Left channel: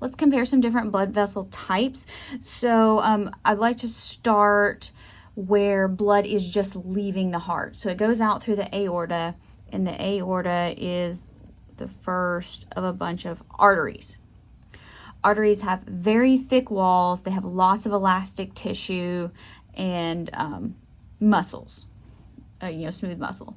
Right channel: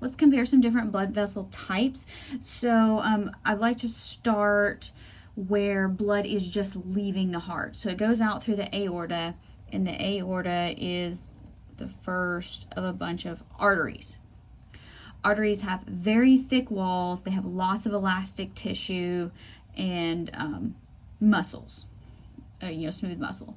let's compare some different blood vessel types. So I'd like to start where blood is just leaving the heart. So it goes out through the aorta, and the aorta is the first of a bunch of arteries. Arteries have very thick walls. They have lots of elastic tissue and muscles, smooth muscle.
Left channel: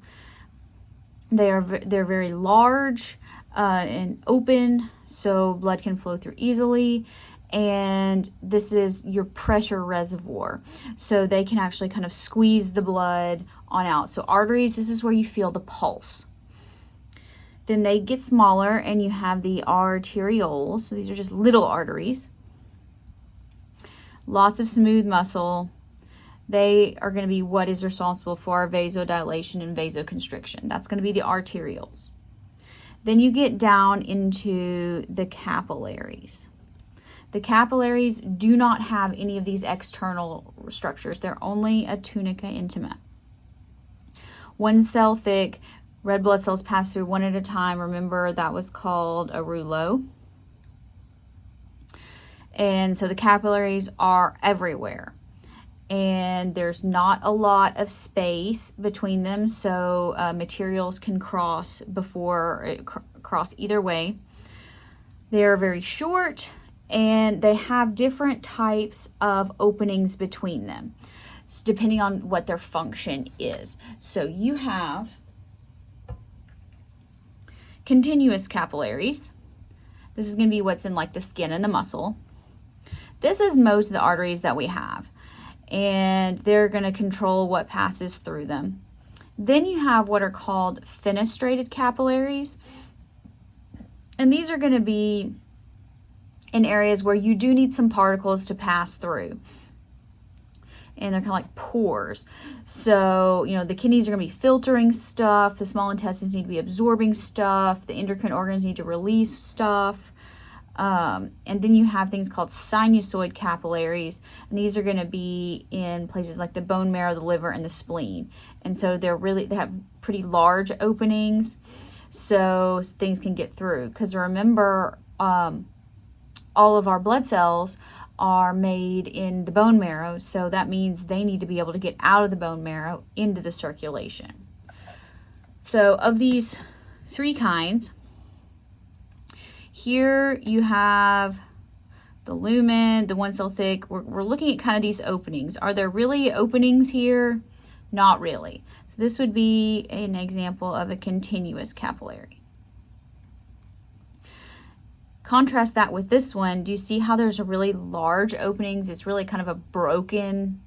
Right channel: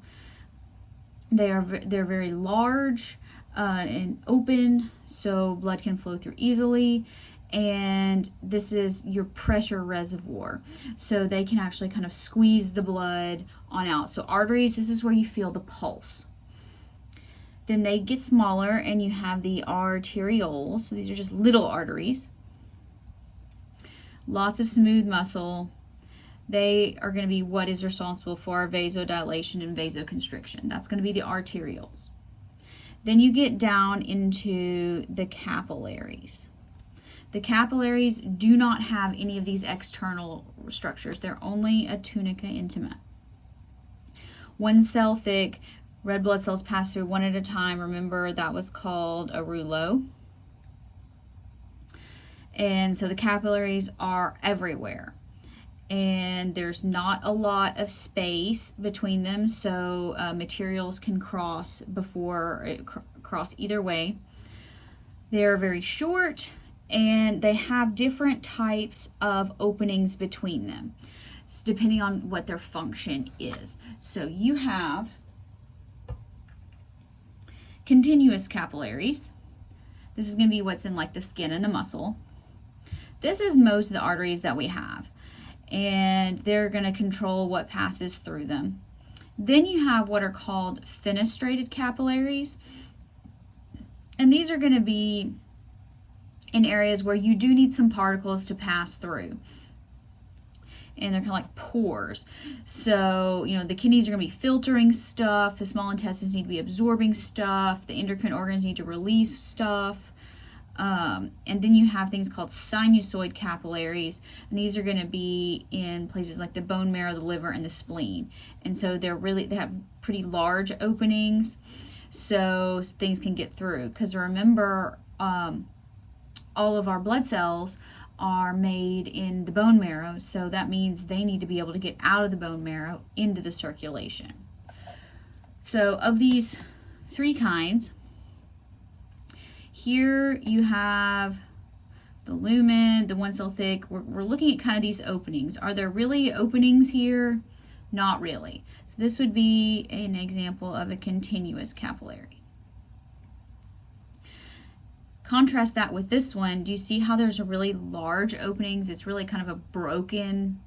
They're very large and open, so blood can flow through easily. And this is your pressure reservoir, so they can actually kind of squeeze the blood on out. So arteries, this is where you feel the pulse. Then they get smaller, and you have the arterioles. So these are just little arteries. Lots of smooth muscle. They are going to be what is responsible for vasodilation and vasoconstriction. That's going to be the arterioles. Then you get down into the capillaries. The capillaries do not have any of these external structures. They're only a tunica intima. 1 cell thick. Red blood cells pass through one at a time. Remember, that was called a rouleau. And so the capillaries are everywhere. And there's not a lot of space between them, so materials can cross cross either way. They are very short, and they have different types of openings between them, depending on what their function is. So you have continuous capillaries. This is going to be what's in like the skin and the muscle. This is most of the arteries that we have, and they're going to control what passes through them. Then you have what are called fenestrated capillaries, and these are going to be in areas where you do need some particles to pass through. And they're kind of like pores. So, the kidneys are going to be filtering stuff. The small intestines need to be absorbing stuff. The endocrine organs need to release stuff. And then you have things called sinusoid capillaries. And these are going to be in places like the bone marrow, the liver, and the spleen. And so they have pretty large openings, so things can get through. Because remember, all of our blood cells are made in the bone marrow, so that means they need to be able to get out of the bone marrow into the circulation. So of these 3 kinds, here you have the lumen, the 1 cell thick. We're looking at kind of these openings. Are there really openings here? Not really. So this would be an example of a continuous capillary. Contrast that with this one. Do you see how there's a really large openings? It's really kind of a broken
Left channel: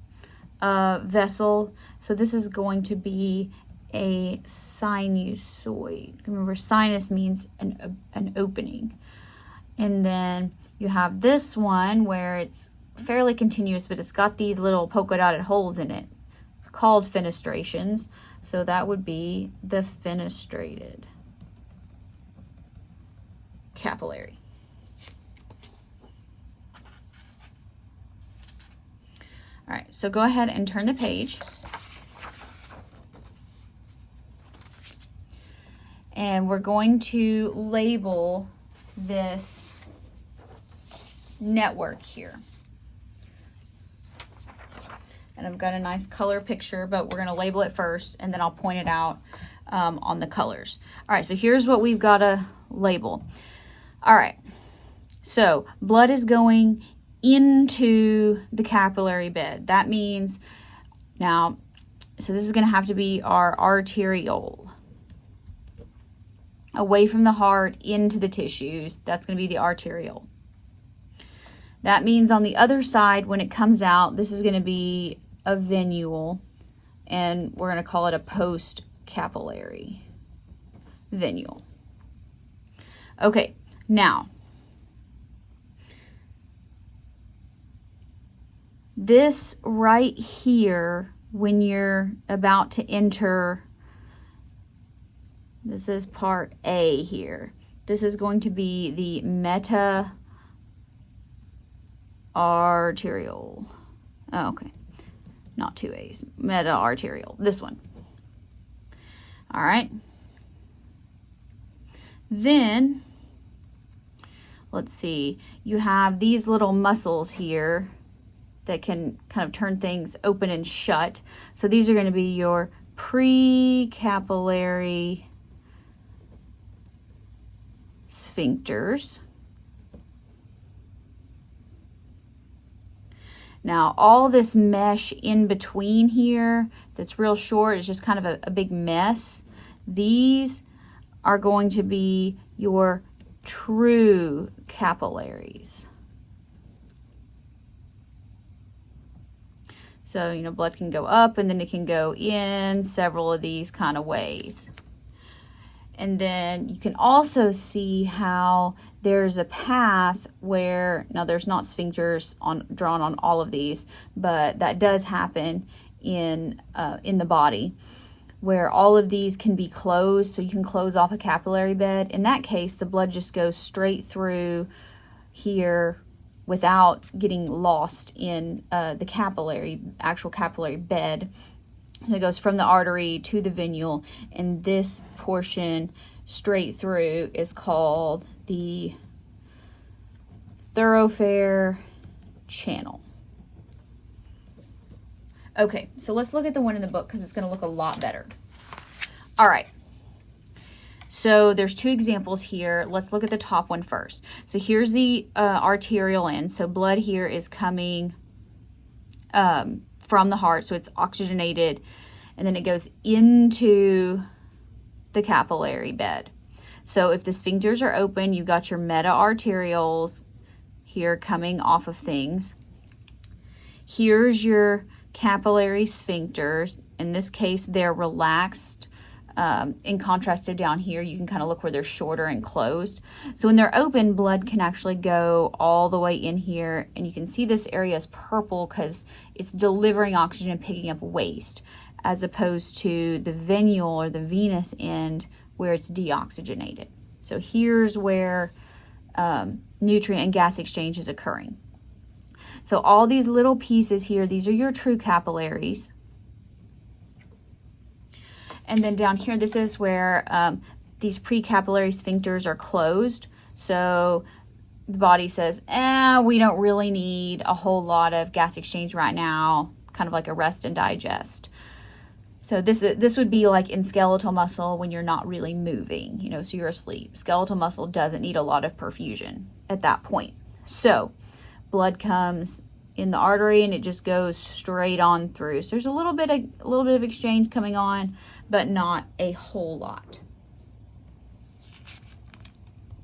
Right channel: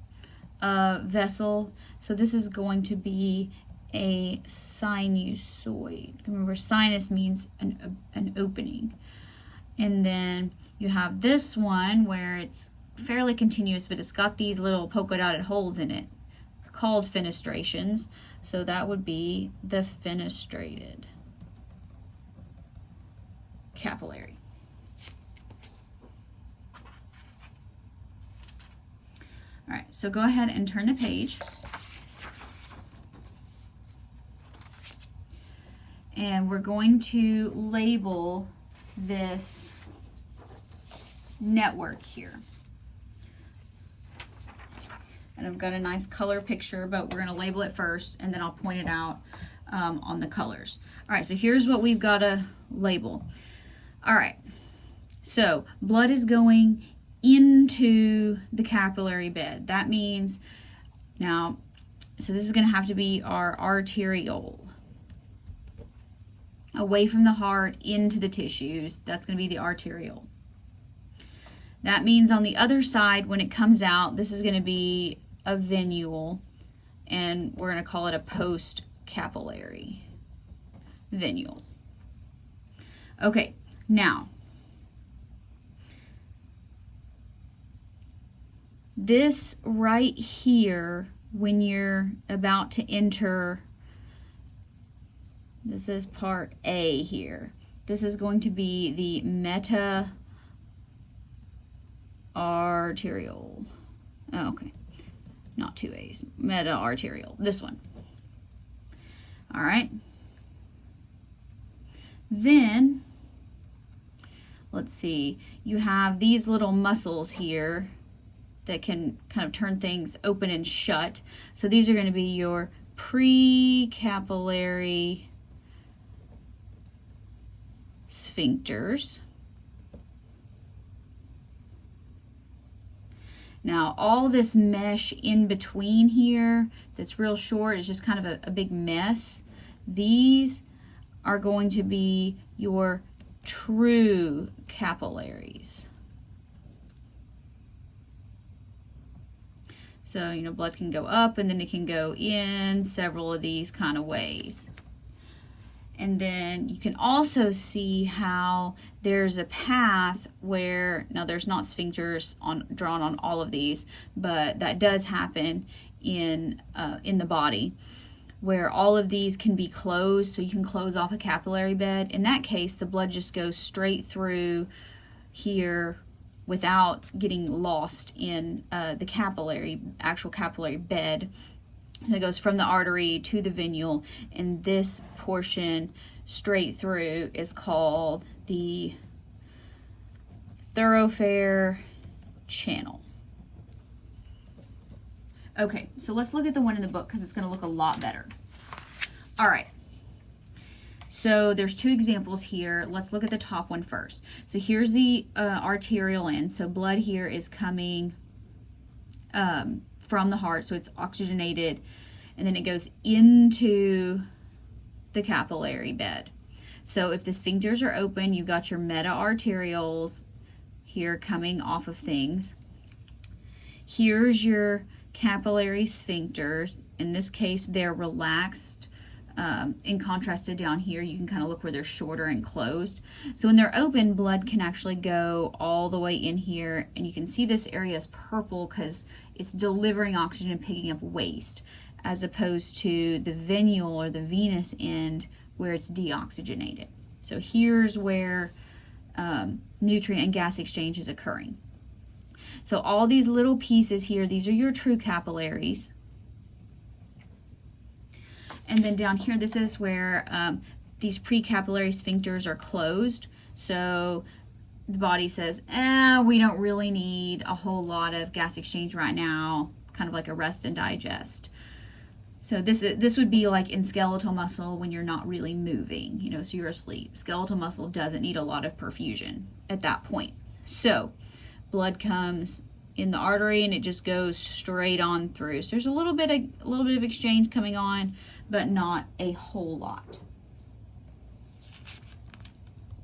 vessel. So this is going to be a sinusoid. Remember, sinus means an opening. And then you have this one where it's fairly continuous, but it's got these little polka dotted holes in it called fenestrations. So that would be the fenestrated capillary. All right, so go ahead and turn the page. And we're going to label this network here. And I've got a nice color picture, but we're going to label it first, and then I'll point it out on the colors. All right, so here's what we've got to label. All right, so blood is going into the capillary bed. That means now, so this is going to have to be our arteriole. Away from the heart into the tissues, that's going to be the arteriole. That means on the other side, when it comes out, this is going to be a venule, and we're going to call it a post-capillary venule. Okay, now, this right here, when you're about to enter, this is part A here. This is going to be the meta-arteriole. Oh, okay. Not 2 A's. Meta-arteriole. This one. All right. Then, let's see, you have these little muscles here that can kind of turn things open and shut. So these are going to be your precapillary sphincters. Now all this mesh in between here that's real short is just kind of a big mess. These are going to be your true capillaries. So, you know, blood can go up and then it can go in several of these kind of ways. And then you can also see how there's a path where, now there's not sphincters drawn on all of these, but that does happen in the body, where all of these can be closed, so you can close off a capillary bed. In that case, the blood just goes straight through here without getting lost in the actual capillary bed. It goes from the artery to the venule, and this portion straight through is called the thoroughfare channel. Okay, so let's look at the one in the book because it's going to look a lot better. All right. So there's two examples here. Let's look at the top one first. So here's the arterial end. So blood here is coming from the heart, so it's oxygenated, and then it goes into the capillary bed. So if the sphincters are open, you've got your meta-arterioles here coming off of things. Here's your capillary sphincters. In this case, they're relaxed. In contrast to down here, you can kind of look where they're shorter and closed. So when they're open, blood can actually go all the way in here, and you can see this area is purple because it's delivering oxygen and picking up waste, as opposed to the venule or the venous end where it's deoxygenated. So here's where nutrient and gas exchange is occurring. So all these little pieces here, these are your true capillaries. And then down here, this is where these precapillary sphincters are closed. So the body says, we don't really need a whole lot of gas exchange right now, kind of like a rest and digest. So this would be like in skeletal muscle when you're not really moving, you know, so you're asleep. Skeletal muscle doesn't need a lot of perfusion at that point. So blood comes in the artery and it just goes straight on through. So there's a little bit of exchange coming on, but not a whole lot.